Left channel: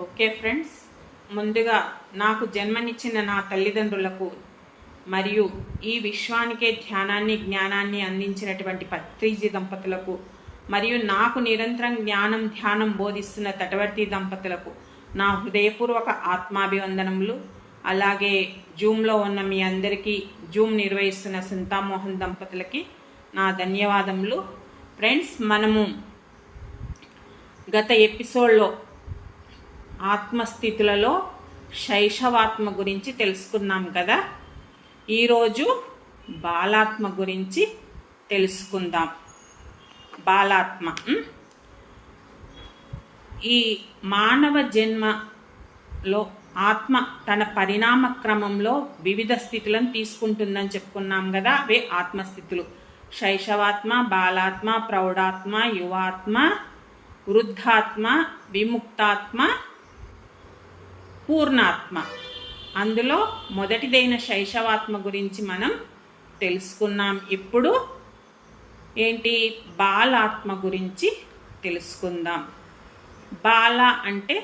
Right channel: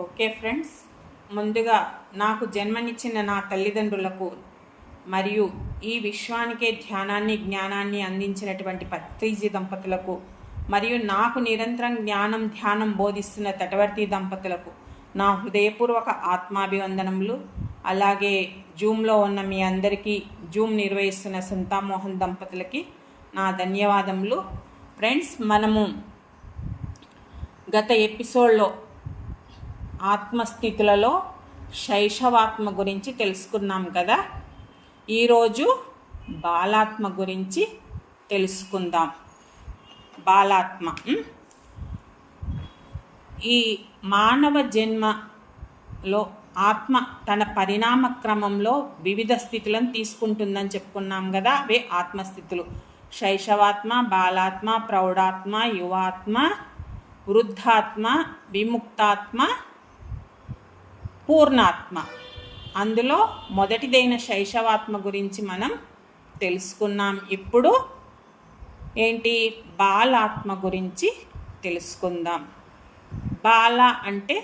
Okay friends, ముందుగా నాకు జన్మనిచ్చిన నా తల్లిదండ్రులకు మరియు ఈ విశ్వానికే ధ్యానాన్ని జ్ఞానాన్ని అందించినటువంటి పత్రిజీ దంపతులకు మరియు నాకు నిరంతరం జ్ఞానం ధ్యానం బోధిస్తున్న తటవర్తి దంపతులకు నా హృదయపూర్వక ఆత్మాభివందనములు. అలాగే జూమ్లో ఉన్న మీ అందరికీ, జూమ్ నిర్వహిస్తున్న సంతామోహన్ దంపతులకి నా ధన్యవాదములు. ఫ్రెండ్స్, మనము గత ఎపిసోడ్లో ఆత్మస్థితులలో శైశవాత్మ గురించి తెలుసుకున్నాం కదా. ఈరోజు బాలాత్మ గురించి తెలుసుకుందాం. బాలాత్మ ఈ మానవ జన్మలో ఆత్మ తన పరిణామ క్రమంలో వివిధ స్థితులను తీసుకుంటుందని చెప్పుకున్నాం కదా. అవే ఆత్మస్థితులు: శైశవాత్మ, బాలాత్మ, ప్రౌఢాత్మ, యువాత్మ, వృద్ధాత్మ, విముక్తాత్మ, పూర్ణాత్మ. అందులో మొదటిదైన శైశవాత్మ గురించి మనం తెలుసుకున్నాం. ఇప్పుడు ఏంటి, బాలాత్మ గురించి తెలుసుకుందాం. బాల అంటే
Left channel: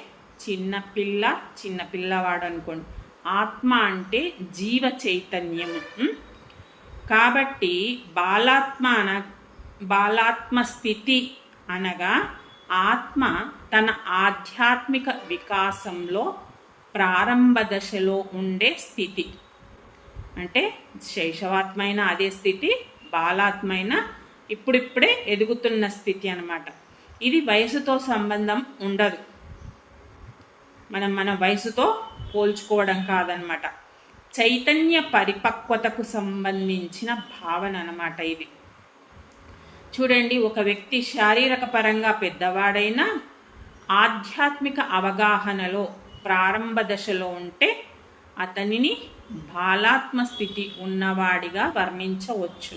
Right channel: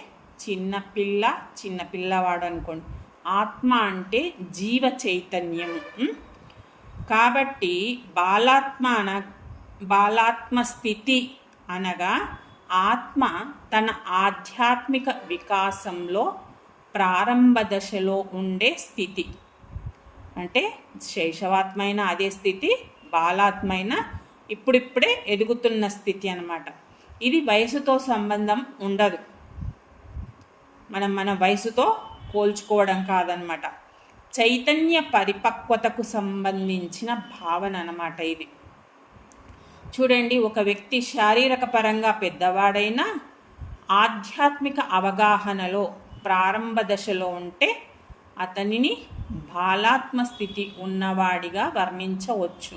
చిన్నపిల్ల, చిన్నపిల్లవాడు అనుకోండి. ఆత్మ అంటే జీవ చైతన్యము. కాబట్టి బాలాత్మ స్థితి అనగా ఆత్మ తన ఆధ్యాత్మిక వికాసంలో ప్రారంభ దశలో ఉండే స్థితి. అంటే శైశవాత్మైన అదే స్థితి, బాలాత్మైన ఇప్పుడిప్పుడే ఎదుగుతున్న స్థితి అన్నమాట. ఇది వయసుతో సంబంధం ఉండదు. మన వయసుతో పోల్చుకోవడం కాదనమాట. చైతన్య పరిపక్వతకు సంబంధించిన భావన అన్నమాట ఇది. చూడండి, ఒక వ్యక్తి శారీరక పరంగా పెద్దవాడైనా ఆధ్యాత్మిక అవగాహనలో ప్రారంభ దశలో ఉంటే అతనిని బాలాత్మ స్థితి ఉన్నవాడిగా వర్ణించవచ్చు.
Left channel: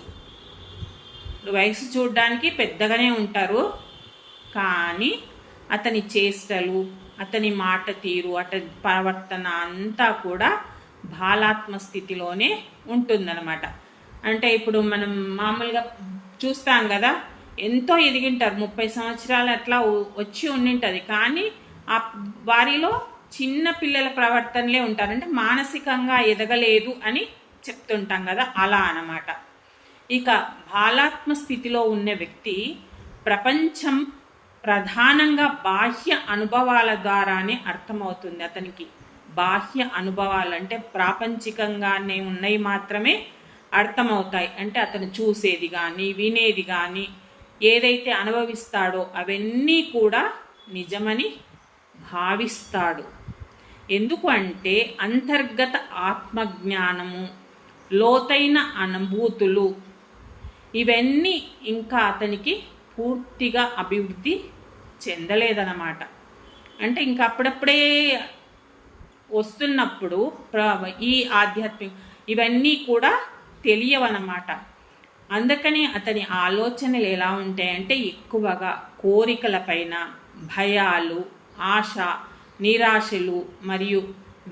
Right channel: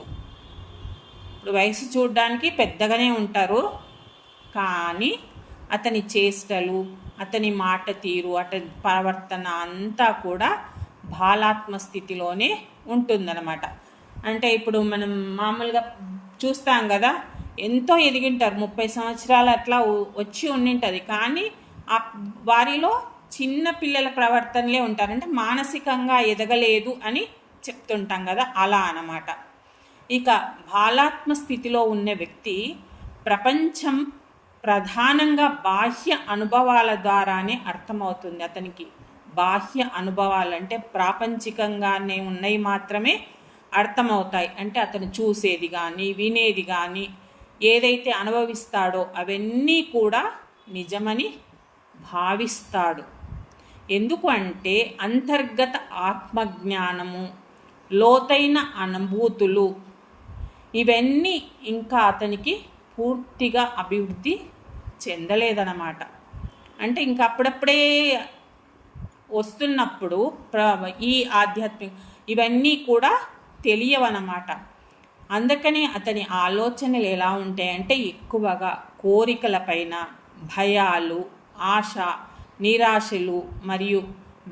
వయసు చూడడానికి పెద్దగానే ఉంటారు, కానీ అతని చేష్టలు, అతని మాట తీరు, అతని ప్రవర్తన అంతా కూడా బాలాత్మ స్థితిలోనే ఉంటుందన్నమాట. అంటే ఇప్పుడు మనం మామూలుగా చూస్తాం కదా, ఎంతో ఎదిగింటారు, 30 సంవత్సరాలు అట్లా వచ్చి ఉండింటుంది, కానీ ఆ వారిలో చిన్న పిల్లల ప్రవర్తనలే ఉంటారు. అంటే మానసికంగా ఎదగలేదు అని చెప్తుంటాం కదా, అలా అన్నమాట. ఇక బాలాత్మ స్థితిలో ఉన్న వ్యక్తి ప్రపంచం ప్రధానంగా బాహ్య అనుభవాల ద్వారానే అర్థమవుతుంది. అతనికి బాహ్య అనుభవాలు అంటే ప్రాపంచికంగానే ఉన్నవి మాత్రమే అర్థమవుతాయి. అంటే అతను చూసేది కానీ వినేది కానీ ఏదైతే అనుభవిస్తాడో అవన్నీ కూడా నిజమని భావిస్తాడు. ఎందుకు అంటే అంతర్గత ఆత్మజ్ఞానము, లోతైన అనుభూతులు ఇవన్నీ ఇంకా అతనికి పూర్తిగా అభివృద్ధి చెందలేదన్నమాట. అంటే ఇంకా అప్పుడప్పుడే వస్తున్నప్పుడు ఈ ఆధ్యాత్మిక ఇవన్నీ కూడా తెలియవన్నమాట. అందుకని అతని ఆలోచనలు ఎలా ఉంటాయంటే ఎక్కువగా కోరికలపైన, భయాలు, ఆశ, నిరాశలు మరియు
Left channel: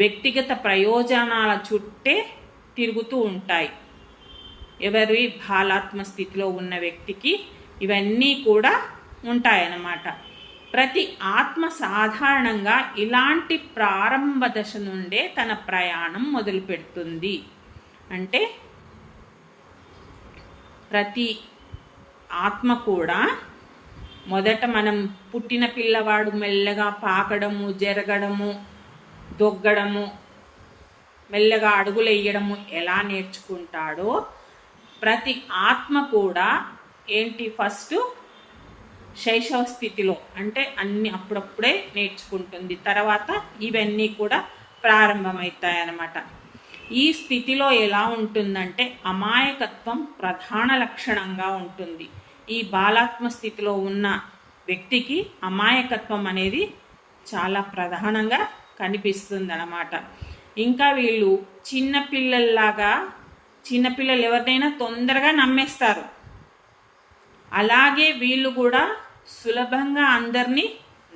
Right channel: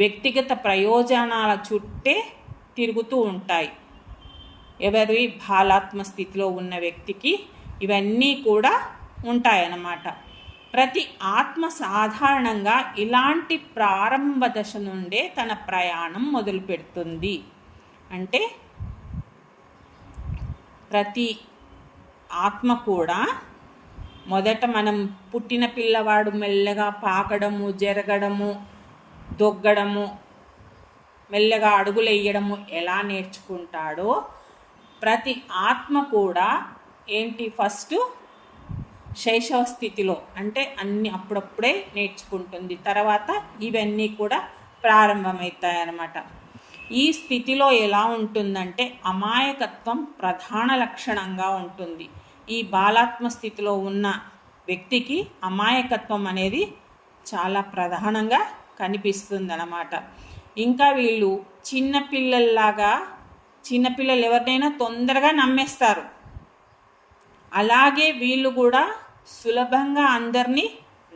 వ్యక్తిగత ప్రయోజనాల చుట్టే తిరుగుతూ ఉంటాయి. ఎవరి బాలాత్మ స్థితిలో ఉన్న వ్యక్తికి ఇవన్నీ కూడా ఉంటాయన్నమాట. ప్రతి ఆత్మ సాధారణంగా ఇలాంటి ప్రారంభ దశ నుండే తన ప్రయాణం మొదలు పెడుతుంది. అంటే ప్రతి ఆత్మ కూడా మొదట మనం పుట్టిన పిల్లవాడు మెల్లగా పాకడము, జరగడము, దొగ్గడము, మెల్లగా అడుగులు వేయడము ఎలా నేర్చుకుంటాడో ప్రతి ఆత్మ కూడా ఏంటి, ఫస్ట్ శైశవ స్థితిలో అంటే అన్ని అప్పుడప్పుడే నేర్చుకుంటుంది. తర్వాత ఇవన్నీ కూడా ప్రారంభమవుతాయి అన్నమాట. ఈ స్థితిలో ఎలా ఉంటుందంటే అమాయకత్వం ప్రధాన లక్షణంగా ఉంటుంది. ఈ బాలాత్మ స్థితిలో ఉన్న వ్యక్తికి అమాయకత్వం అనేది చాలా ప్రధానంగా కనిపిస్తుంది అన్నమాట. ఇంకా వీళ్ళు చిన్నపిల్లలు ఎవరినైనా తొందరగా నమ్మేస్తారు. అలాగే వీళ్ళు కూడా సులభంగా అందరినీ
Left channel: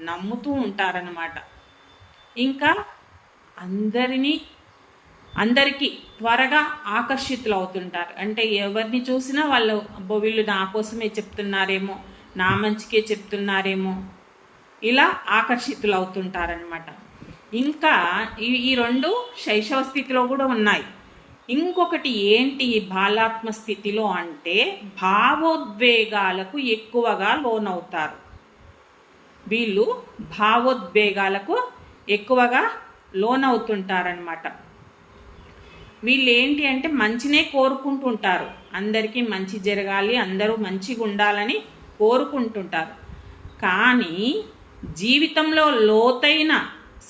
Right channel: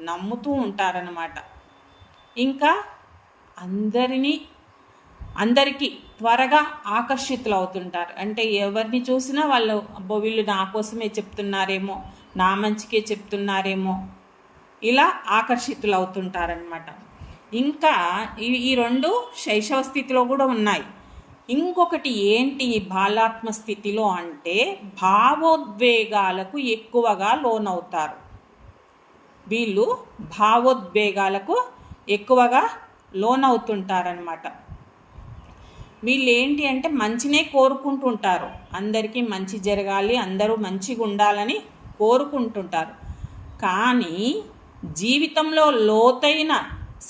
నమ్ముతూ ఉంటారన్నమాట. ఇంకా అందరికీ త్వరగా ఆకర్షితులు అవుతుంటారు. అంటే ఎవరిని చూసినా వాళ్ళు వీళ్ళు నా కోసమే చెప్తున్నారేమో, నా మంచికే చెప్తున్నారేమో ఇలా ఆకర్షితులు అవుతుంటారనమాట. ఇంకా ఈ రెండు శైశవ స్థితిలో కూడా ఉన్నాయి. ఇంకొకటి ఏంటి ఈ బాలాత్మ స్థితిలో అంటే భావోద్వేగాలకు ఎక్కువగా లోనవుతారు. వీళ్ళు భావోద్వేగాలకు ఎక్కువగా లోనవుతుంటారనమాట. వీళ్ళు ఏంటి అంటే మంచినే కోరుకుంటుంటారు, అందరికీ మంచి జరగాలి, అందరూ మంచిగా ఉండాలని కోరుకుంటుంటారు. కానీ జీవితంలో లోతైన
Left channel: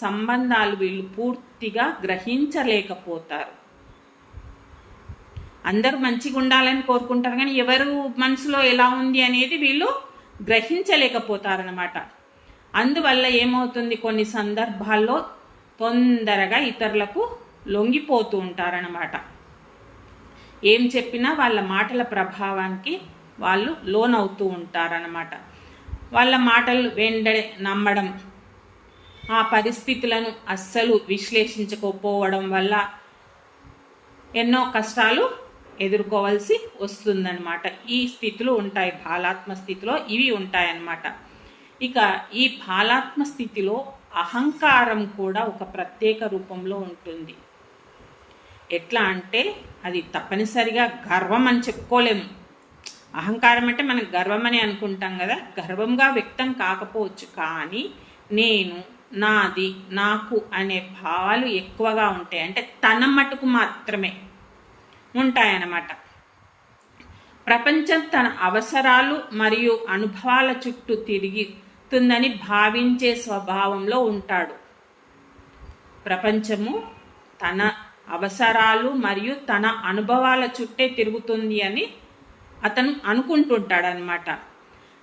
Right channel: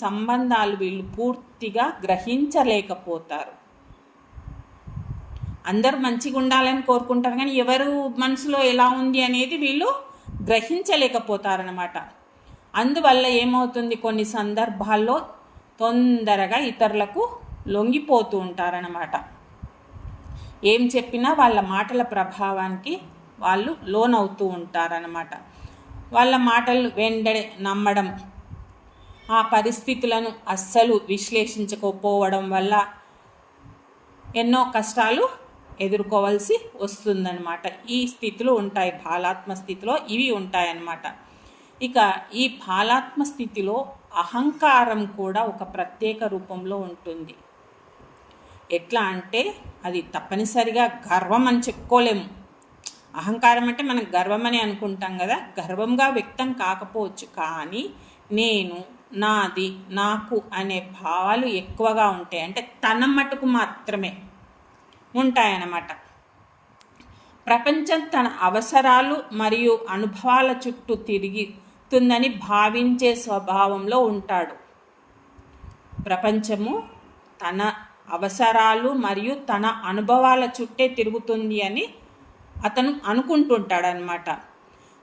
సంబంధాలు వీళ్ళు పూర్తిగా గ్రహించలేకపోతారు. అందరూ మంచిగా ఉండాలని కోరుకుంటారు, కానీ ఎవరు మనసులో ఎలా ఉంది అనేది వీళ్ళు గ్రహించలేకపోతారనమాట. అందువల్ల ఏమవుతుంది, కొన్ని సందర్భాల్లో తొందరగా ఇతరులకు లొంగిపోతూ ఉంటారనమాట. ఏం చెప్పినా వాళ్ళ మాటల ప్రభావానికి వాళ్ళు లోనవుతూ ఉంటారనమాట. వాళ్ళ మాటలు వెంటనే నమ్మడం, ఆ పరిస్థితులను అస్సలు విశ్లేషించకపోవడం వల్ల ఎన్నో కష్టాలు ఎదుర్కోవాల్సి వస్తుందన్నమాట. ఈ స్థితిలో ఉంటాయి, బాలాత్మ స్థితిలో ఇవి ఉంటాయన్నమాట. ఇక ఈ బాలాత్మ స్థితిలో అహంకారం కూడా ఒక ప్రత్యేక రూపంలో ఉంటుంది. ఎట్లా అంటే అది తప్పనిసరిగా గర్వం అని చెప్పుకోలేము. అహంకారం అంటే మనం గర్వం అని అనుకుంటాం కదా, గర్వంగా వ్యక్తం కాకపోవచ్చు, కానీ నేను, నాది, నాకు అనే భావాలు ఎక్కువగా ఉంటాయి. అంటే తన మటుకు మాత్రమే ఉంటాయన్నమాట. ప్రపంచం తన అవసరాలు మరియు అనుభవాల చుట్టూ తిరుగుతుందని భావించే స్వభావంలో ఉంటాడు. ప్రపంచము తన అవసరాలు మరియు తన అనుభవాల చుట్టే తిరుగుతుంది అని అతను అనుకుంటుంటాడనమాట.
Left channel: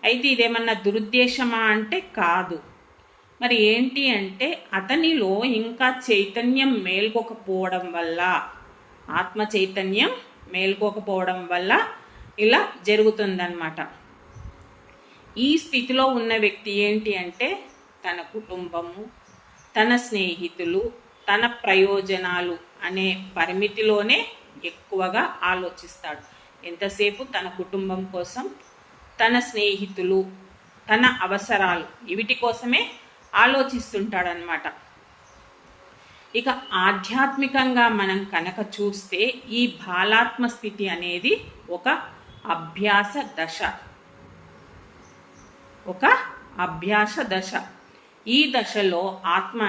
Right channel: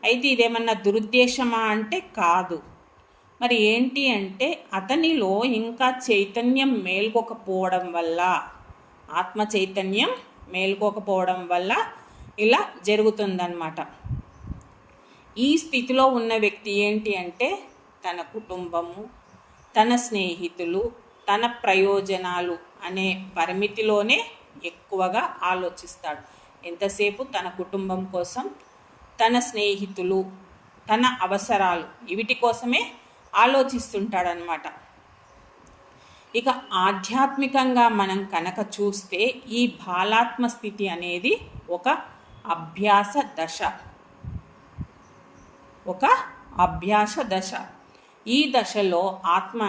అయితే ఇదేమన్నా దురుద్దేశమా అంటే కాదు. మరి ఏంటి అంటే అతనిలో ఇంకా చైతన్యం మేల్కొకపోవడం వల్ల, ఆత్మ చైతన్యం మేల్కోకపోవడం వల్ల ఇలా జరుగుతుందన్నమాట. ఈ స్థితిలో ఉన్న వ్యక్తి ఏంటి అంటే తన కుటుంబము, తన స్నేహితులు, తన ప్రయోజనాలు అనే పరిమితిలోనే ఎక్కువగా ఆలోచిస్తాడు. ఎంతసేపు తన కుటుంబం కోసం, తన స్నేహితులు, తన అవసరాలు వీటి కోసమే ఆలోచిస్తుంటాడనమాట. ఇక ఆధ్యాత్మికంగా మనం కనుక చూస్తే ఈ బాలాత్మ స్థితి అనేది ఒక అభ్యాస దశ. ఈ దశలో ఆత్మ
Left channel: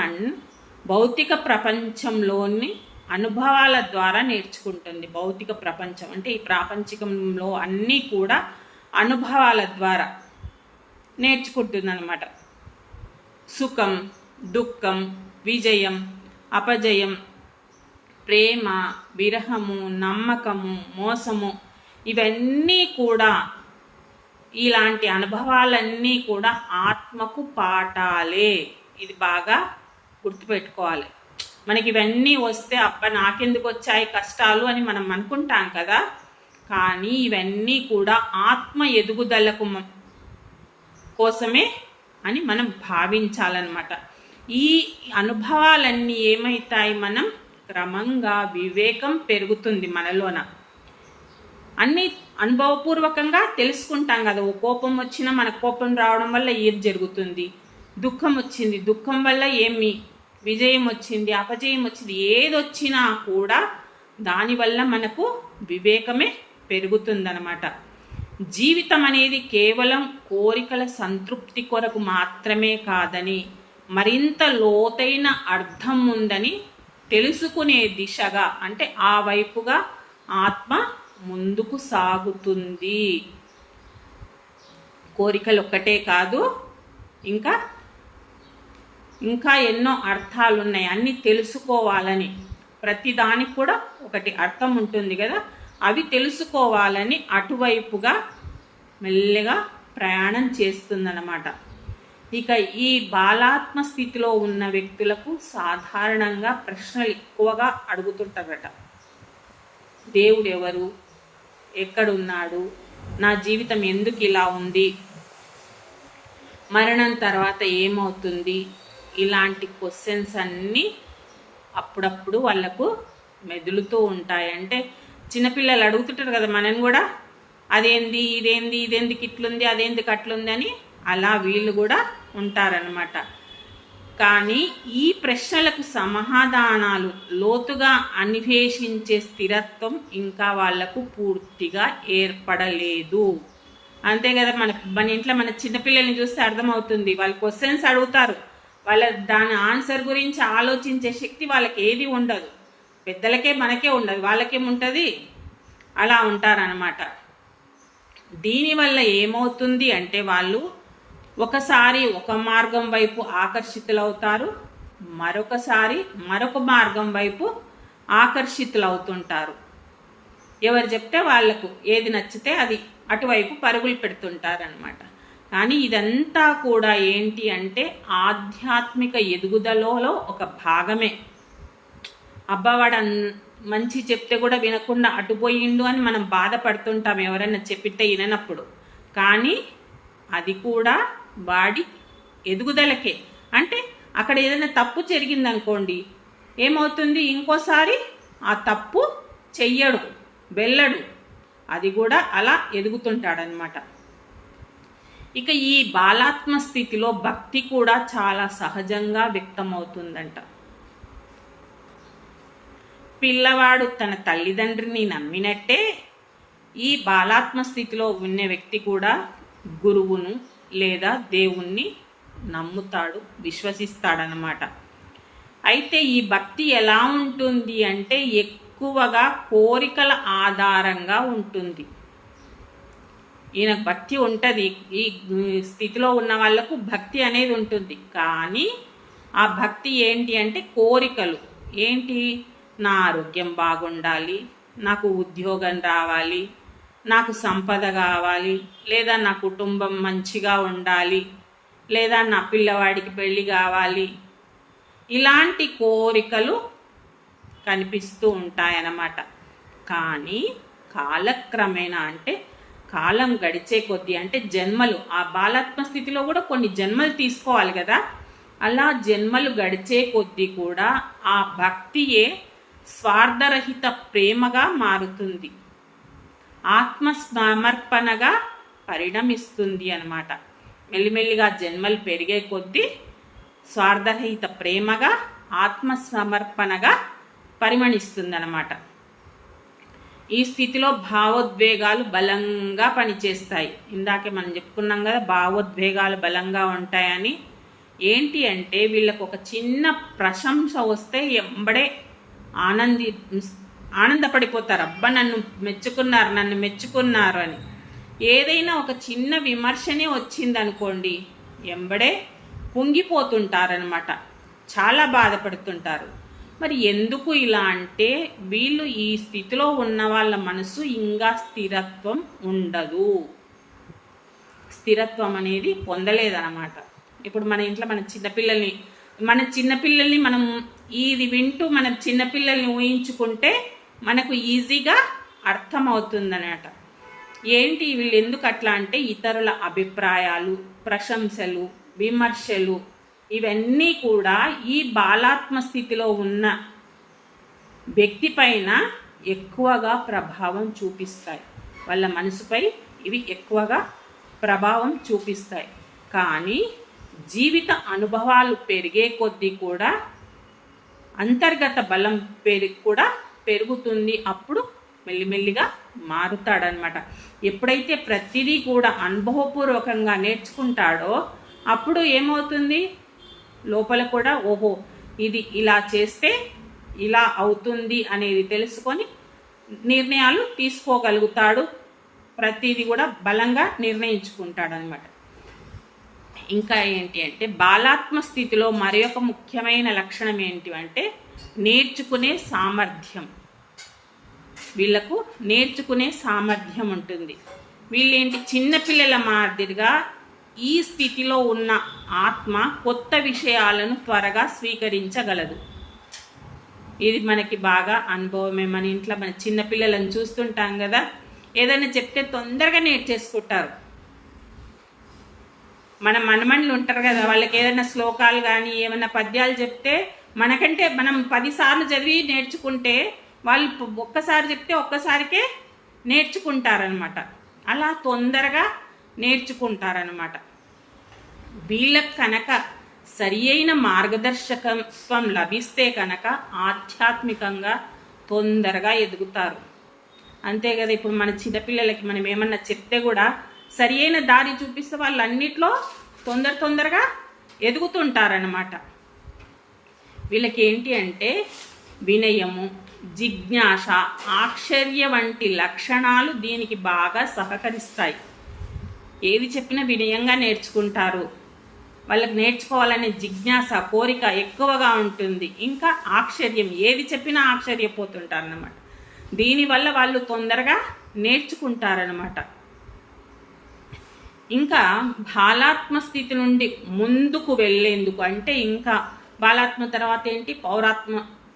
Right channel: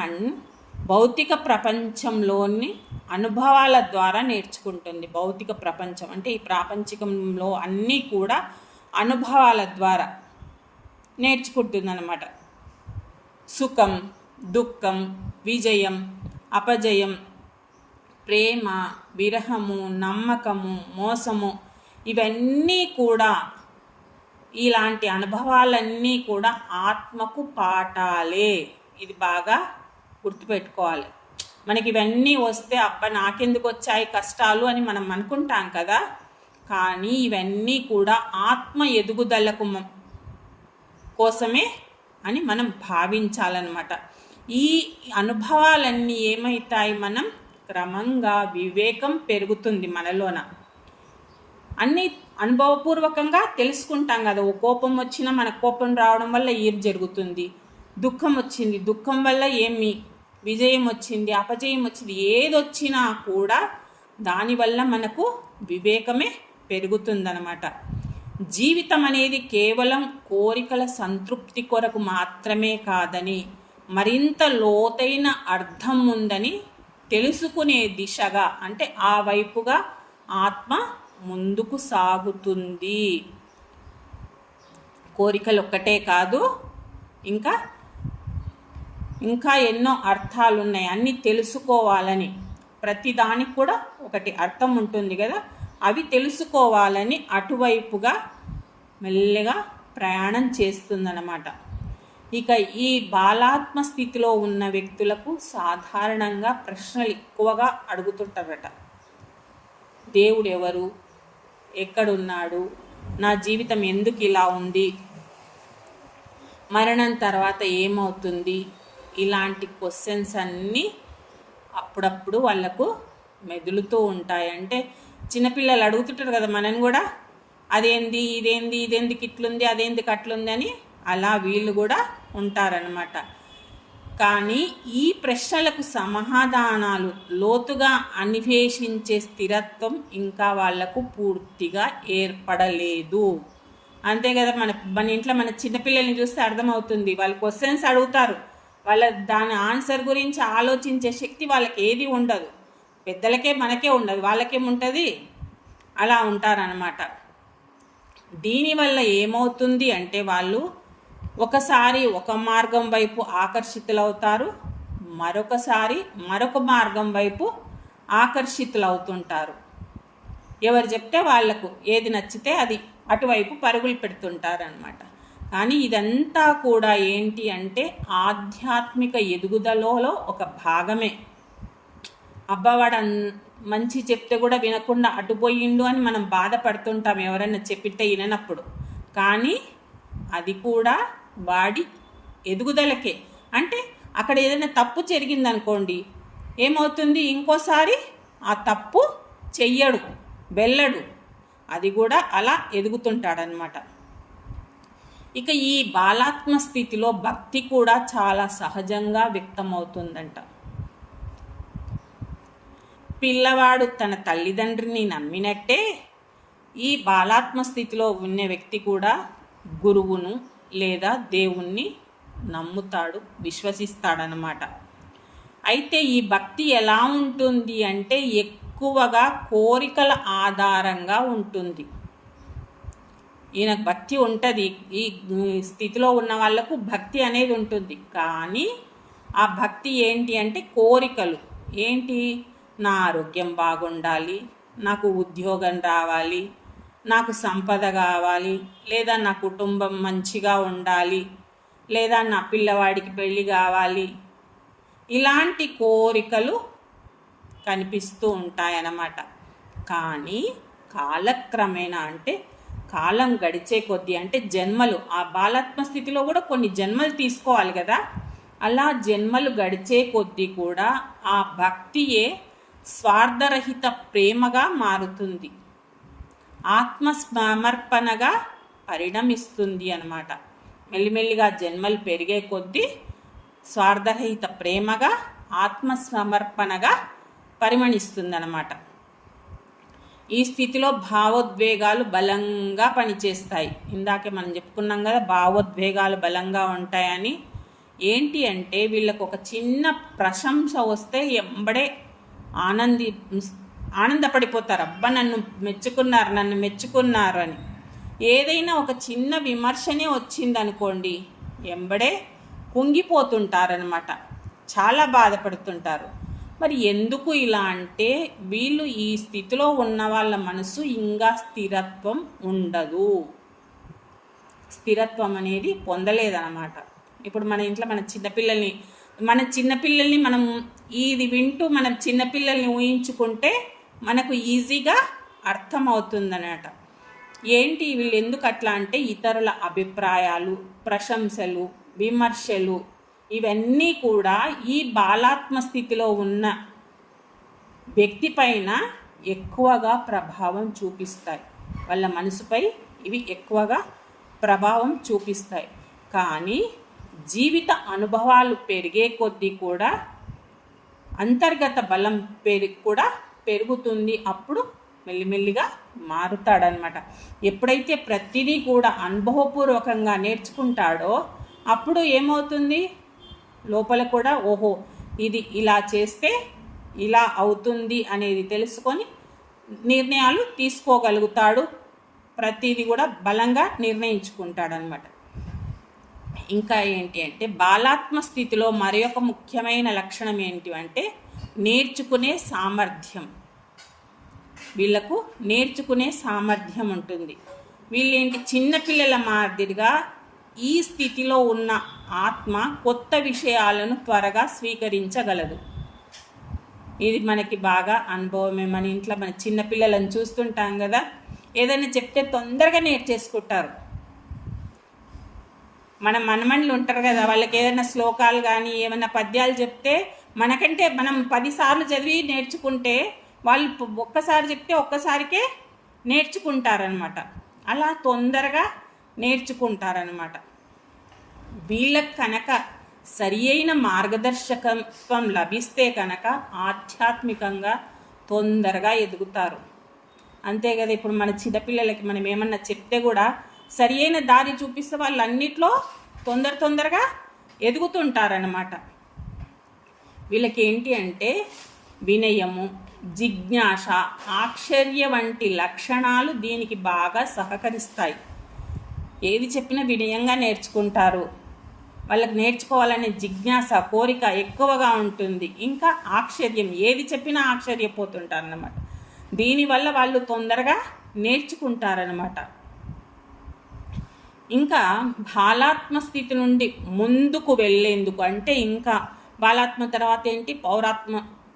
భౌతిక ప్రపంచంలోని అనుభవాల ద్వారా నేర్చుకుంటుంది. భౌతిక ప్రపంచం అంటే ఈ ప్రాపంచికంలో అన్నీ కూడా అనుభవాల ద్వారా నేర్చుకుంటుంది అన్నమాట. సుఖం, దుఃఖం, విజయం, అపజయం, ప్రేమ, విరహము, నమ్మకము, మోసము, ఇవన్నీ కూడా, ఇలాంటి అనుభవాలన్నీ కూడా ఆత్మకు పాఠాలే. ఇది బాగా గుర్తుపెట్టుకోవాలి. మనకి ఇవన్నీ వస్తే నాకెందుకు వచ్చాయి కష్టాలు అని మనం అనుకుంటాం కదా, కానీ ఇవన్నీ కూడా ఆత్మ ఎదుగుదలకు కోసమే అని మనం భావించాలన్నమాట. ఈ అనుభవాలన్నీ ఏమవుతాయి, మనం క్రమంగా వివేకం పెరుగుతుంది మనలోన. అన్నీ అనుభవపూర్వకంగా తెలుసుకుంటాం కదా. ఓ కోపం వచ్చినా మన కోపం రావడం వల్ల ఏం జరుగుతుంది, దుఃఖం వచ్చింది, దుఃఖం వల్ల ఏమి, విజయం వచ్చింది, అపజయం వచ్చింది, ఏదొచ్చినా కూడా దానివల్ల మనకు వివేకమే పెరుగుతుందన్నమాట. జీవితం అనేది కేవలం కోరికల సంతృప్తి కొరకు మాత్రమే కాదని, మరింత లోతైన అర్థం ఉందని తెలుసుకునే దిశగా, అంటే ఆ వైపుగా ఆత్మ ముందుకు సాగుతుంది. కోరికలు ఒక్కటే కాదు, ఇంకా ఎన్నో అర్థాలు ఉన్నాయి. అన్నీ తెలుసుకోవాలని, ప్రతిదానికి కూడా ఒకటి అర్థం ఉంటుంది కదా, అవి తెలుసుకోవాలని అటువైపుగా మెల్లగా ప్రయాణం చేస్తుందన్నమాట. ఇక ఈ బాలాత్మ స్థితిలో ఉన్న వ్యక్తులకు సాధారణంగా ప్రశ్నలు ఎక్కువగా అడుగుతుంటారట. దేవుడు ఎవరు, ఎక్కడున్నాడు, నా జీవితం ఎందుకు ఇలా ఉంది, మరణం తర్వాత ఏమవుతుంది, ఇలాంటి క్వశ్చన్స్ అన్నీ అప్పుడప్పుడు వాళ్ళకు మెదులుతూ ఉంటాయి. అంటే చిన్నపిల్లలు అడుగుతుంటారు కదా మనని కూడా, అదేంది ఇదేంది, ఇదెందుకు ఇట్లుంది, అదేందుకు అట్లుంది అని. అలా వీళ్ళు కూడా ఉంటారనమాట. కానీ ఈ ప్రశ్నలకు సమాధానాలు లోతుగా అన్వేషించే స్థిరత్వం ఇంకా వాళ్లకు పూర్తిగా ఏర్పడలేదు. అంతే కదా, మన ఇంట్లో మన చిన్నపిల్లల్ని చూస్తే అర్థమవుతుంది. వాళ్ళు క్వశ్చన్స్ అడుగుతారు, వాళ్ళ దాని ఆన్సర్ గురించి ఆలోచించే శక్తి వాళ్ళకి ఏది ఉండదు. పెద్దలకే మనకే ఉండదు, వాళ్ళకేముంటుంది, అలా ఉంటారనమాట. దీనివల్ల ఏమవుతుంది అంటే వాళ్ళు ఒకసారి ఒక మార్గం వైపు ఆకర్షితులవుతారు, మరొకసారి మరొక మార్గం వైపు ఆకర్షితులవుతుంటారు. ఎవరు చెప్తే వాళ్లకు ఏది నచ్చితే అది అటువైపు పరుగులు పెడుతుంటారనమాట. కానీ ఇదంతా కూడా ఏంటి అంటే ఆధ్యాత్మిక ఎదుగుదలలో ఒక భాగమే. అబ్బవాడు మంచి చెప్తే కూడా వినకుండా అటుపోయిండు అని మనం బాధపడుతుంటాం ఎవరైనా చెప్పితే విననప్పుడు. కానీ అది కూడా వాడి ఎదుగుదలకే. అంటే అక్కడ ఏదైనా తప్పు జరిగిందనుకోండి, ఏమవుతుంది, ఇంకోసారి ఆ తప్పు చెయ్యడు, వెళ్ళడు, అది కూడా అలా ఎదుగుతుంటాడనమాట. ఇక ఈ బాలాత్మ స్థితిలో భక్తి కూడా చాలా సహజంగా వ్యక్తమవుతుందంట. పిల్లవాడు తన తల్లిదండ్రిని నమ్మినట్టే ఈ బాలాత్మ స్థితిలో ఉన్న వ్యక్తి కూడా గురువును లేదా దేవుణ్ణి నమ్ముతాడు, విశ్వసిస్తాడనమాట. అయితే ఈ భక్తి ఎలా ఉంటుంది అంటే ఎక్కువగా కోరికల ఆధారంగా ఉంటుంది. ఈయన భక్తి ఉంటుంది, ఈ స్థితిలో ఉన్న వాళ్లకు భక్తి అనేది ఉంటుంది. కానీ ఆ భక్తి ఏంటి అంటే కోరికలు ఏంటి, నా ఆరోగ్యం బాగుండాలి, నాకు ఉద్యోగం రావాలి, నాకు సంపద కావాలి, లేదా నా కుటుంబం మంచిగా ఉండాలి, లేదా నా పిల్లవాడికి పెళ్ళి కావాలి, ఇలాంటి కోరికలు కనిపిస్తూ ఉంటాయన్నమాట. కానీ కాలక్రమేణా అంటే కాలం గడిచే కొద్దీ, అంటే జన్మలు, ఆ బాలాత్మ స్థితిలో కూడా కొన్ని జన్మలు తీసుకోవాలి కదా, అలా జన్మలు గడిచే కొద్దీ కూడా ఆ భక్తియే స్వార్థరహిత ప్రేమగా మారుతుంది, ఆత్మసమర్పణగా పరిణమిస్తుంది అన్నమాట. మెల్లిమెల్లిగా జన్మలు పెరిగే కొద్దీ స్వార్థరహిత ప్రేమగా ఆత్మసమర్పణగా పరిమణిస్తుందన్నమాట. ఈ స్థితిలో భావోద్వేగాలు బలంగా పనిచేస్తాయి. ఇందాకే మనం చెప్పుకున్నాం కదా, భావోద్వేగాలు బలంగా ఉంటాయని. ఏంటి అంటే వీళ్ళకు ఒక చిన్న ప్రశంస వస్తే ఎంబడే ఆనందపడిపోతారు. అబ్బా నన్ను మెచ్చుకున్నారు అని. ఏదైనా ఒక చిన్న విమర్శనే వచ్చిందనుకోండి, ఎంబడే కుంగిపోతుంటారనమాట, చాలా బాధపడుతుంటారు. మరి ఎందుకు ఇలా అంటే వీళ్ళు ఈ స్థితిలో ఉన్న వాళ్ళ మనసు ఇంకా స్థిరత్వం ఉండదు, స్థిరత్వం అనేది పొందలేదన్నమాట. ఇప్పుడు మన ఇంట్లో మన చిన్నపిల్లల్ని మనం ఇది వింటూ మన చిన్నపిల్లల్ని ఊహించుకుంటే మనకు ఈజీగా అర్థమవుతుందన్నమాట. ఏంటి వీళ్ళు ఎందుకు అట్లా అంటే ఇతరుల అభిప్రాయాలు, ప్రశంసలు, విమర్శలు ఇవన్నీ కూడా ఈ బాలాత్మ స్థితిలో ఉన్న వ్యక్తి పైన ఎక్కువగా ప్రభావం చూపిస్తాయి, వాళ్ళ మనసుపై ఇవి ఎక్కువగా ప్రభావం చూపిస్తాయి. కానీ జీవిత అనుభవాలు పెరిగే కొద్దీ కూడా అంతర్గత బలం కూడా పెరుగుతుంది. అప్పుడు మెల్లిమెల్లిగా మారుతాడనమాట. ఎప్పుడైతే ప్రతిదీ కూడా అనుభవపూర్వకంగా నేర్చుకుంటాడో అప్పుడు ఏమవుతుంది, లోపల కూడా ఓహో ఇది ఇలా చేస్తే ఇలా అవుతుంది అనేది తెలుసుకొని నిర్ణయాలు తీసుకోగలుగుతాడు. ప్రతిదీ కూడా బలంగా నిర్ణయించుకుంటాడనమాట. ఇంకా ఏంటి అంటే బాలాత్మ స్థితిలో మరి ఒక ముఖ్యమైన లక్షణం ఏంటి అంటే నేర్చుకునే సామర్థ్యం. వీళ్ళకు నేర్చుకునే సామర్థ్యం ఉంటుంది. వీళ్ళేంటి చిన్నపిల్లల మాదిరిగా ఈ స్థితిలో ఉన్న ఆత్మ కొత్త విషయాలను త్వరగా స్వీకరించగలదు. ఇది మనకి బాగా అనుభవమే. మన ఇంట్లో మన చిన్నపిల్లలను చూస్తుంటాం కదా, ఏదైనా చెప్తే తొందరగా నేర్చేసుకుంటారు. మన మనమణులు ఉంటారు కదా, వాళ్ళకి ఏదైనా శ్లోకాలు కానీ ఏమైనా పద్యాలు చెప్తే మనకంటే మనం 10 సార్లు చదివి నేర్చుకుంటే వాళ్ళు ఒక్కసారి చెప్తే ఒక్కసారికే నేర్చుకుంటారనమాట. అలా తొందరగా నేర్చుకుంటారనమాట. వీళ్ళకి కనుక సరి అయిన మార్గదర్శకత్వం లభిస్తే కనుక ఆధ్యాత్మికంగా తొందరగా ఎదుగుతారు. అంతే కదా, ఇప్పుడు మన చిన్నపిల్లలకి మనం ఏమన్నా చెప్తే కూడా సరి అయిన దారి చూపిస్తే వాళ్ళు అన్నిట్లో తొందరగా ఎదుగుతుంటారనమాట. వీళ్ళకి ఏంటి అంటే వినయము, జిజ్ఞాస, ఆశ్చర్య వంటి లక్షణాలు దీనికి బాగా సహకరిస్తాయి. ఏది చెప్పినా వినయంగా నేర్చుకుంటారు. వాళ్ళకి నేర్చుకోవాలనే జిజ్ఞాస, కోరిక ఎక్కువగా ఉంటుంది. ఇంకా ఆశ్చర్యం, ఏది చెప్పినా ఆశ్చర్యపోతుంటారు అన్నమాట. దీనివల్ల వాళ్ళు తొందరగా నేర్చుకుంటారనమాట. ఇంకా బాలాత్మ స్థితి నుండి ముందుకు వెళ్ళేందుకు, అంటే ఇంకా బాలాత్మ తర్వాత ఏంటి,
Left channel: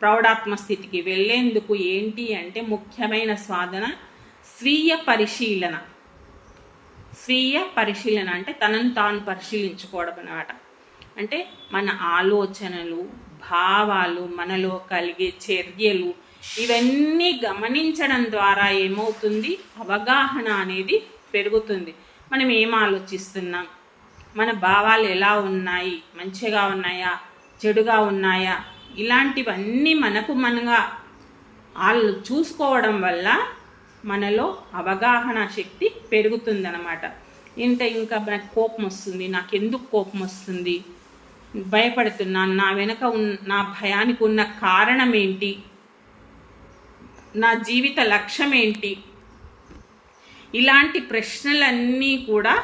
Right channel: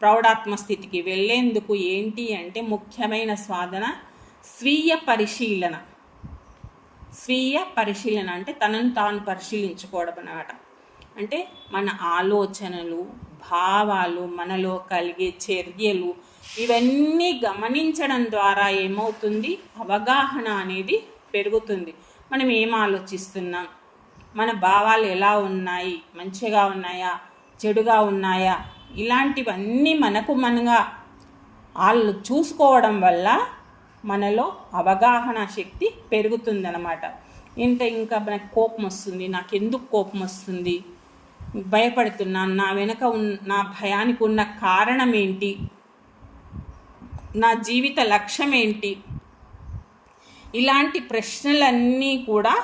ప్రౌఢాత్మ స్థితికి వెళ్ళేందుకు ఏంటి అంటే ముఖ్యమైన సాధన స్వీయ పరిశీలన అంటే తనను తాను పరిశీలించుకోవడం అన్నమాట. అంటే మన ఆలోచనలు, భావాలు, మనలో కలిగే చర్యలు ఇవన్నీ గమనించడం ద్వారా ఏమవుతుంది, అవగాహన అనేది పెరుగుతుంది. మనం ఏం ఆలోచిస్తున్నాం, మన భావాలు ఎలా ఉన్నాయి, మంచిగా ఉన్నాయా, చెడుగా ఉన్నాయా, ఇలాంటివన్నీ మనగా వాళ్ళు చూసుకోవడం వల్ల మనలో అవగాహన శక్తి పెరుగుతుందన్నమాట. ఇంకా మనకు కోపం వస్తుంది, నాకు ఎందుకు కోపం వస్తుంది, భయపడుతున్నాను, నా వెనక నా భయానికి ఉన్న కారణం ఏంటి, నా జీవిత లక్ష్యం ఏంటి, ఇలాంటి ప్రశ్నలన్నీ కూడా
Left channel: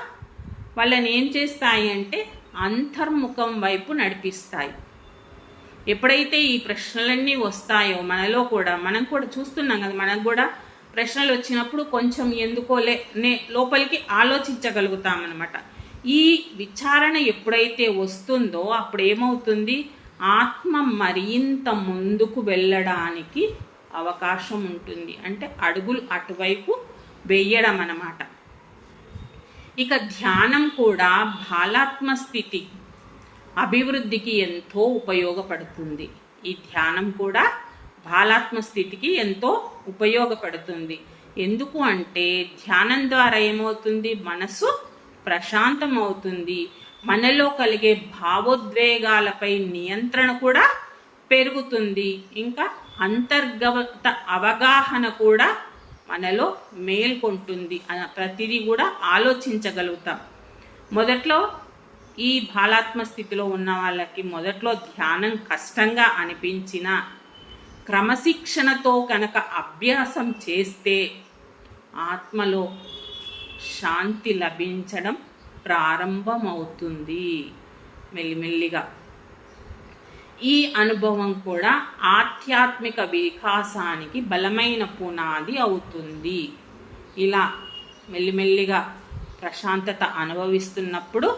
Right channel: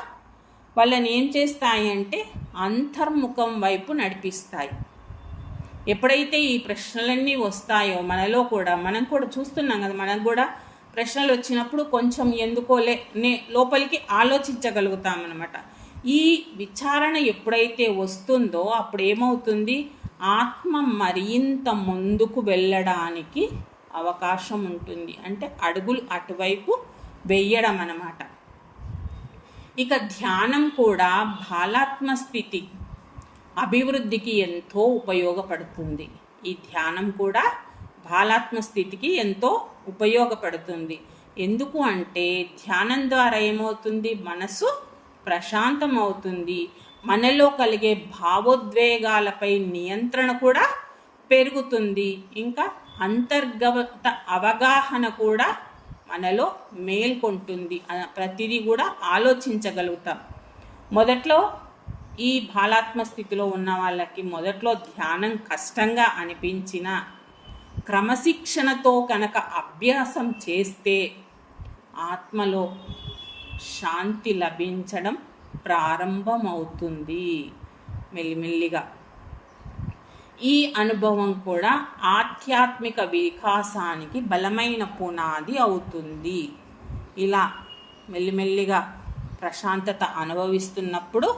వాళ్ళని ఏం చేస్తాయి అంటే అంతర్ముఖం వైపు నడిపిస్తాయి. ఎప్పుడైతే ఈ ప్రశ్నలన్నీ వస్తాయో మనలో కూడా, మనం కూడా చూస్తున్నాం కదా, మనకు కూడా ప్రశ్నలు వచ్చినప్పుడు కొంచెం ఎందుకోలే లోపలికి ఆలోచించగలుగుతామన్నమాట. ఈ విచారణ ఎప్పుడైతే వస్తుందో అప్పుడు ఏమవుతుంది, ఆత్మ మరింత ముందుకు వెళ్ళడానికి అవకాశం ఉంటుంది. అంటే అడుగులు అటువైపు వెయ్యడం అన్నమాట. ఇక ధ్యానం కూడా బాలాత్మ స్థితి అభివృద్ధికి ఎంతో ఉపయోగపడుతుంది. ఈ ధ్యానం కూడా బాలాత్మ స్థితికి ఎంతో ఉపయోగపడుతుంది. ఎందుకు అంటే ధ్యానం ద్వారా ఏమవుతుంది, మనసు ప్రశాంతం అవుతుంది. మనలో కలిగే భావోద్వేగాలపై నియంత్రణ కూడా పెరుగుతుంది. ఇంకా అంతర్గత అవగాహన కూడా మనలో మేల్కొంటుంది. ప్రతిదీ కూడా ఆలోచించగలుగుతాం. మొదట్లో ఈ బాలాత్మ స్థితిలో ఉన్న వాళ్ళకి మొదట్లో ధ్యానం కష్టంగా అనిపించిన క్రమశిక్షణతో కనుక అభ్యాసం చేస్తే ఆత్మలో శాంతి లభించడం ప్రారంభమవుతుంది మెల్లిమెల్లిగా. ఈ అనుభవం కూడా ఆధ్యాత్మిక వికాసానికి బలమైన పునాది అవుతుంది. ఇలా మెల్లిమెల్లిగా ప్రశాంతత అనుభవిస్తున్నప్పుడు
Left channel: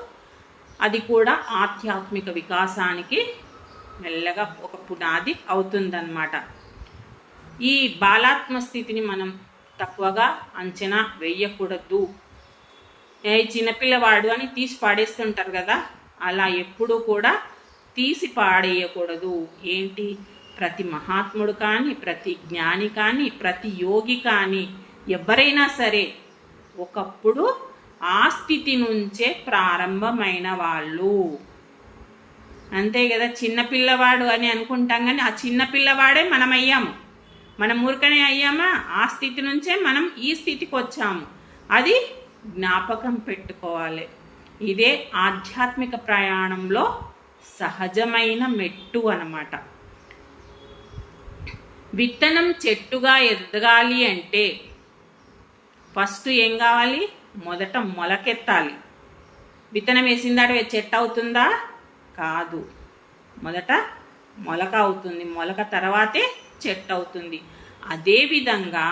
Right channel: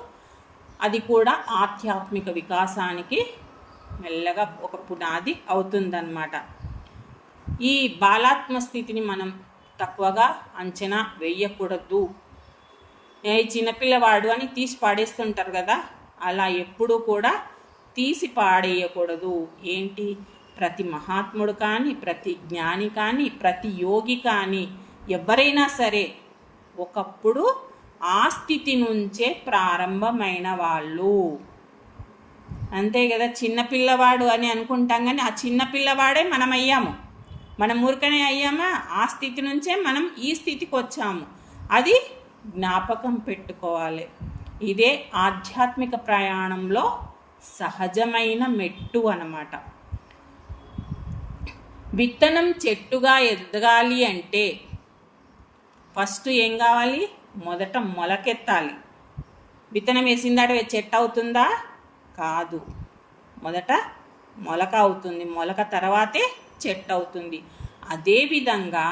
అది కూడా ఆధ్యాత్మిక వికాసానికి మెల్లగా ఒక పునాది అవుతుందన్నమాట. ఈ బాలాత్మ స్థితిని మనం తక్కువగా అంచనా వేయకూడదు. చిన్నపిల్లవాడు అని తీసి పాడేస్తుంటారు కదా, అలా ఎప్పుడూ కూడా తీసి పాడేయకూడదు. ఏంటి, ప్రతి మహాత్ముడు కానీ, ప్రతి జ్ఞాని కానీ, ప్రతి యోగి కానీ, ఎవరైనా సరే ఒకప్పుడు ఆ స్థితి నుంచే ప్రారంభమైన వాళ్ళు. అంతే కదా, చిన్నపిల్లవాడు అని అనుకుంటాం కానీ ఆ చిన్నపిల్లవాడే మనం అయ్యాము. మనం ఊరికనే అయ్యామా, ఆ స్థితి నుంచే మనం ఈ స్థితికి వచ్చాము. అది జ్ఞాపకం పెట్టుకోవాలి. ఇదే ఆధ్యాత్మిక ప్రయాణంలో సహజమైన మెట్టు అన్నమాట. విత్తనం చెట్టుగా ఎదగాలి అంటే ఫస్ట్ ఏం కావాలి, మొదట మొలకెత్తాలి. విత్తనం వేసిందాడు చెట్టు అవుతుందా? కాదు, మొదట మొలక అవుతుంది. మొలక తర్వాతే చెట్టు అవుతుంది. అదేవిధంగా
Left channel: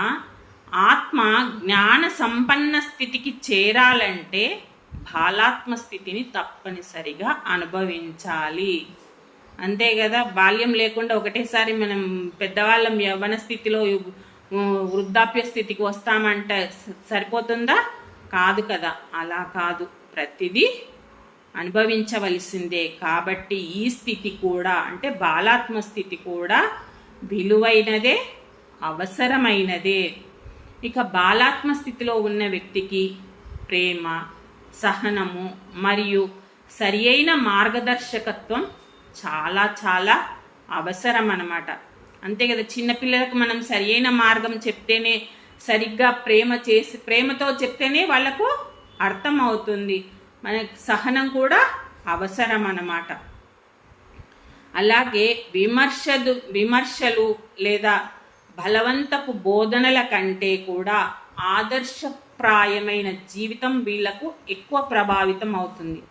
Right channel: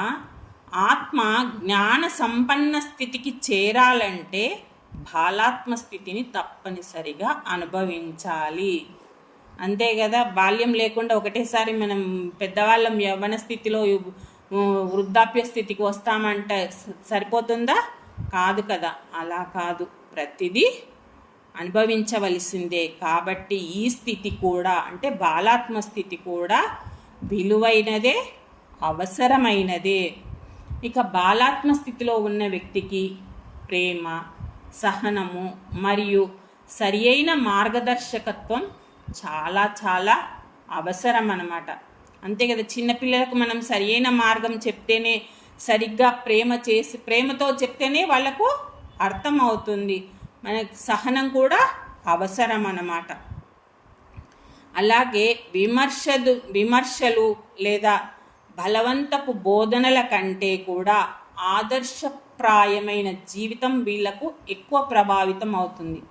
ఆత్మ జ్ఞాన సంపన్న స్థితికి చేరాలంటే బాలాత్మ స్థితిని తప్పనిసరిగా అనుభవించాలి. అంతే కదా, బాల్యం లేకుండా ఒకటేసారి మనం పెద్దవాళ్ళం యవ్వన స్థితిలో వృద్ధాప్య స్థితికి వస్తామంటే సరిపోతుందా? కాదు కదా, అలా కాదు, ప్రతిదీ అనుభవించవలసిందే. కాబట్టి ఈ స్థితి కూడా, అంటే బాలాత్మ స్థితి కూడా విలువైనదే, అవసరమైనదే. ఇక బాలాత్మ స్థితిలో ఉన్న వ్యక్తికి ప్రేమ, సహనము మరియు సరి అయిన మార్గదర్శకత్వం చాలా చాలా అవసరం అన్నమాట. అంతే కదా, చిన్నపిల్లలకు మనం సరి అయిన మార్గం చెప్తేనే, సరిగ్గా ప్రేమతో చెప్తేనే వాళ్ళకు అర్థం అవుతుంది. మనకు సహనం కూడా అవసరం అన్నమాట. అలాగే విమర్శలు లేదా బలవంతపు బోధనల కంటే కూడా ఆదర్శప్రాయమైన జీవితం వీళ్లకు ఎక్కువ ప్రభావితం అవుతుంది.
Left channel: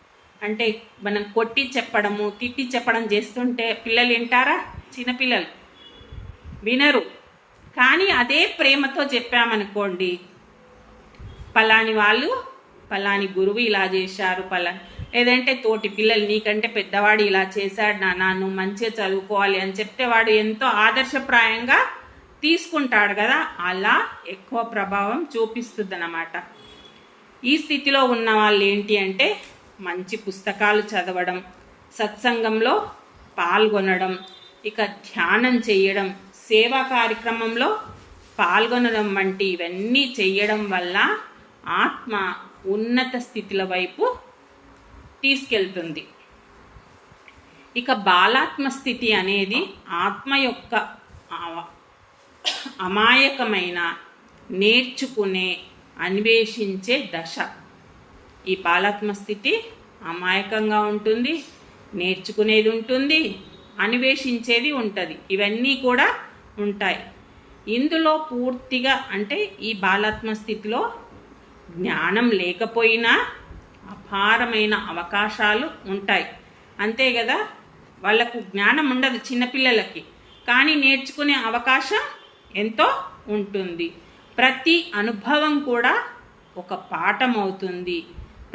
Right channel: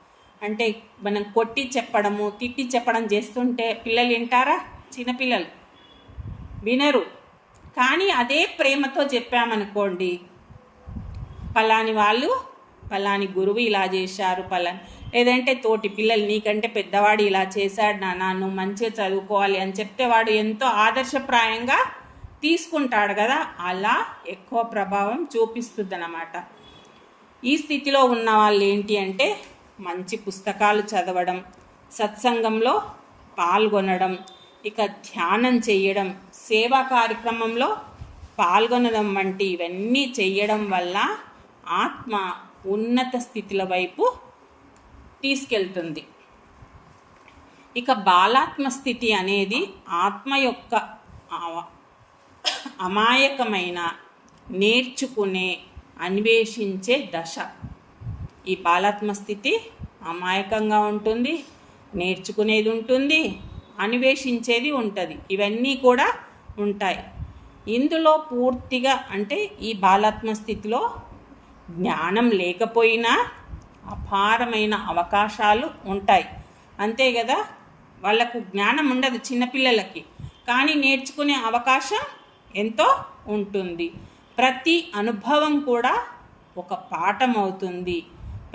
అంటే మనం కొట్టి చెప్పడము, తిట్టి చెప్పడం చేస్తుంటే పిల్లలు వింటారా? చిన్నపిల్లలు వినరు. కానీ అదే ప్రేమతో చెప్పామనుకోండి, పలాని గురువు ఇలా చేశారు, లేదంటే తోటి పిల్లలు నీకంటే పెద్దవాడు ఇలా చేశాడు నాన్న, నువ్వు మంచిగా చదువుకోవాలి అని చెప్తే వాడు ఎంతో ఆదర్శప్రాయంగా తీసుకుంటాడు కదా, అలా ఎక్కువ ప్రభావం చూపిస్తుంది అన్నమాట. ఈ స్థితిలో ఉన్న వాళ్ళు ఏంటి అంటే మంచి పుస్తకాలు చదవడం, సత్సంగంలో పాల్గొనడం, ఇక ధ్యానం చేయడం, సేవా కార్యక్రమంలో పాల్గొనడం వంటి ఇవన్నీ చేయడం వల్ల ఆత్మ ఉన్నత స్థితుల వైపు తీసుకెళ్తుంది. ఇక బాలాత్మ స్థితి అనేది ఆత్మ యొక్క అమాయకమైన నేర్చుకునే అన్వేషించే దశ. ఈ బాలాత్మ స్థితి అమాయకంగా ఉంటుంది, నేర్చుకునేది ఉంటుంది, అన్వేషించేది ఉంటుంది. ఇవన్నీ కూడా ఉంటాయి ఇందులో పూర్తిగా. అంటే ఈ బాలాత్మ స్థితిలో జ్ఞానం లేకపోయినా అపారమైన అవకాశాలు ఉంటాయి. అంతే కదా, వాళ్ళకు జ్ఞానం ఉండదు చిన్నపిల్లలకి, కానీ నేర్చుకునే అవకాశం ఎంతో ఉంటుంది. ప్రతి అనుభవం కూడా ఒక పాఠం అవుతుంది.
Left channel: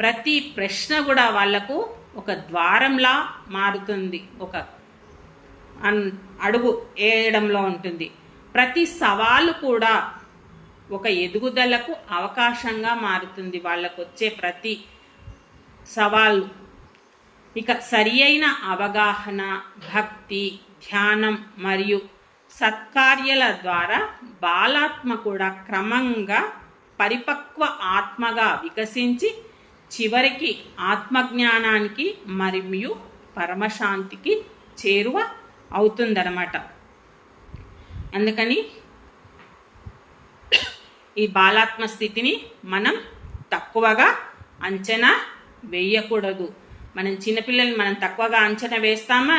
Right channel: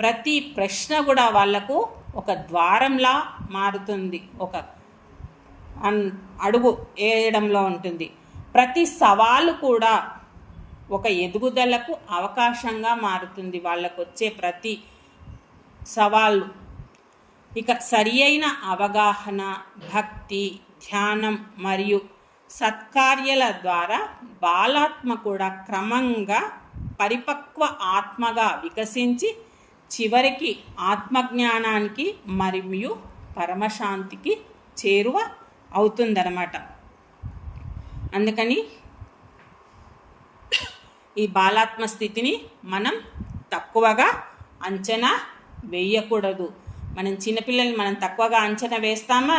ప్రతి ప్రశ్న కూడా వాళ్లకు ఒక ద్వారంలా మారుతుంది, ఒక అడుగు వేయడంలో ఉంటుంది. ప్రతి సవాలు కూడా ఒక ఎదుగుదలకు అవకాశంగా మారుతుంది, వాళ్ళకు వచ్చే ప్రతి సవాళ్ళు. ఇక సరి అయిన అవగాహన, భక్తి, ధ్యానం మరియు సత్కార్యాల ద్వారా బాలాత్మ కూడా క్రమంగా పరిపక్వ ఆత్మగా వికసించి చివరికి ఆత్మజ్ఞానానికి మరియు పరమశాంతికి చేరువ అవుతుందన్నమాట. అందుకని ఈ బాలాత్మ స్థితిని మనం తక్కువగా అంచనా వేయకూడదు. మనం చిన్నపిల్లల్ని మనం తక్కువగా అంచనా వేస్తామా,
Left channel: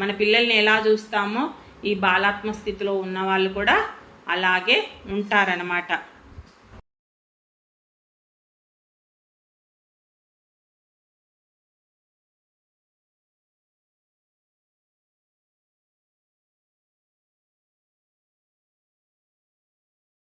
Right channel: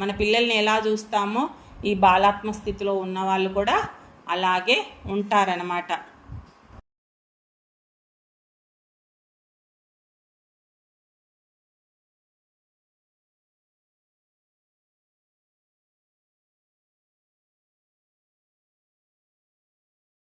మన పిల్లల్ని ఎలా చూస్తామో ఈ బాలాత్మ స్థితిలో ఉన్న వాళ్ళు కూడా అలాగే ఉంటారన్నమాట.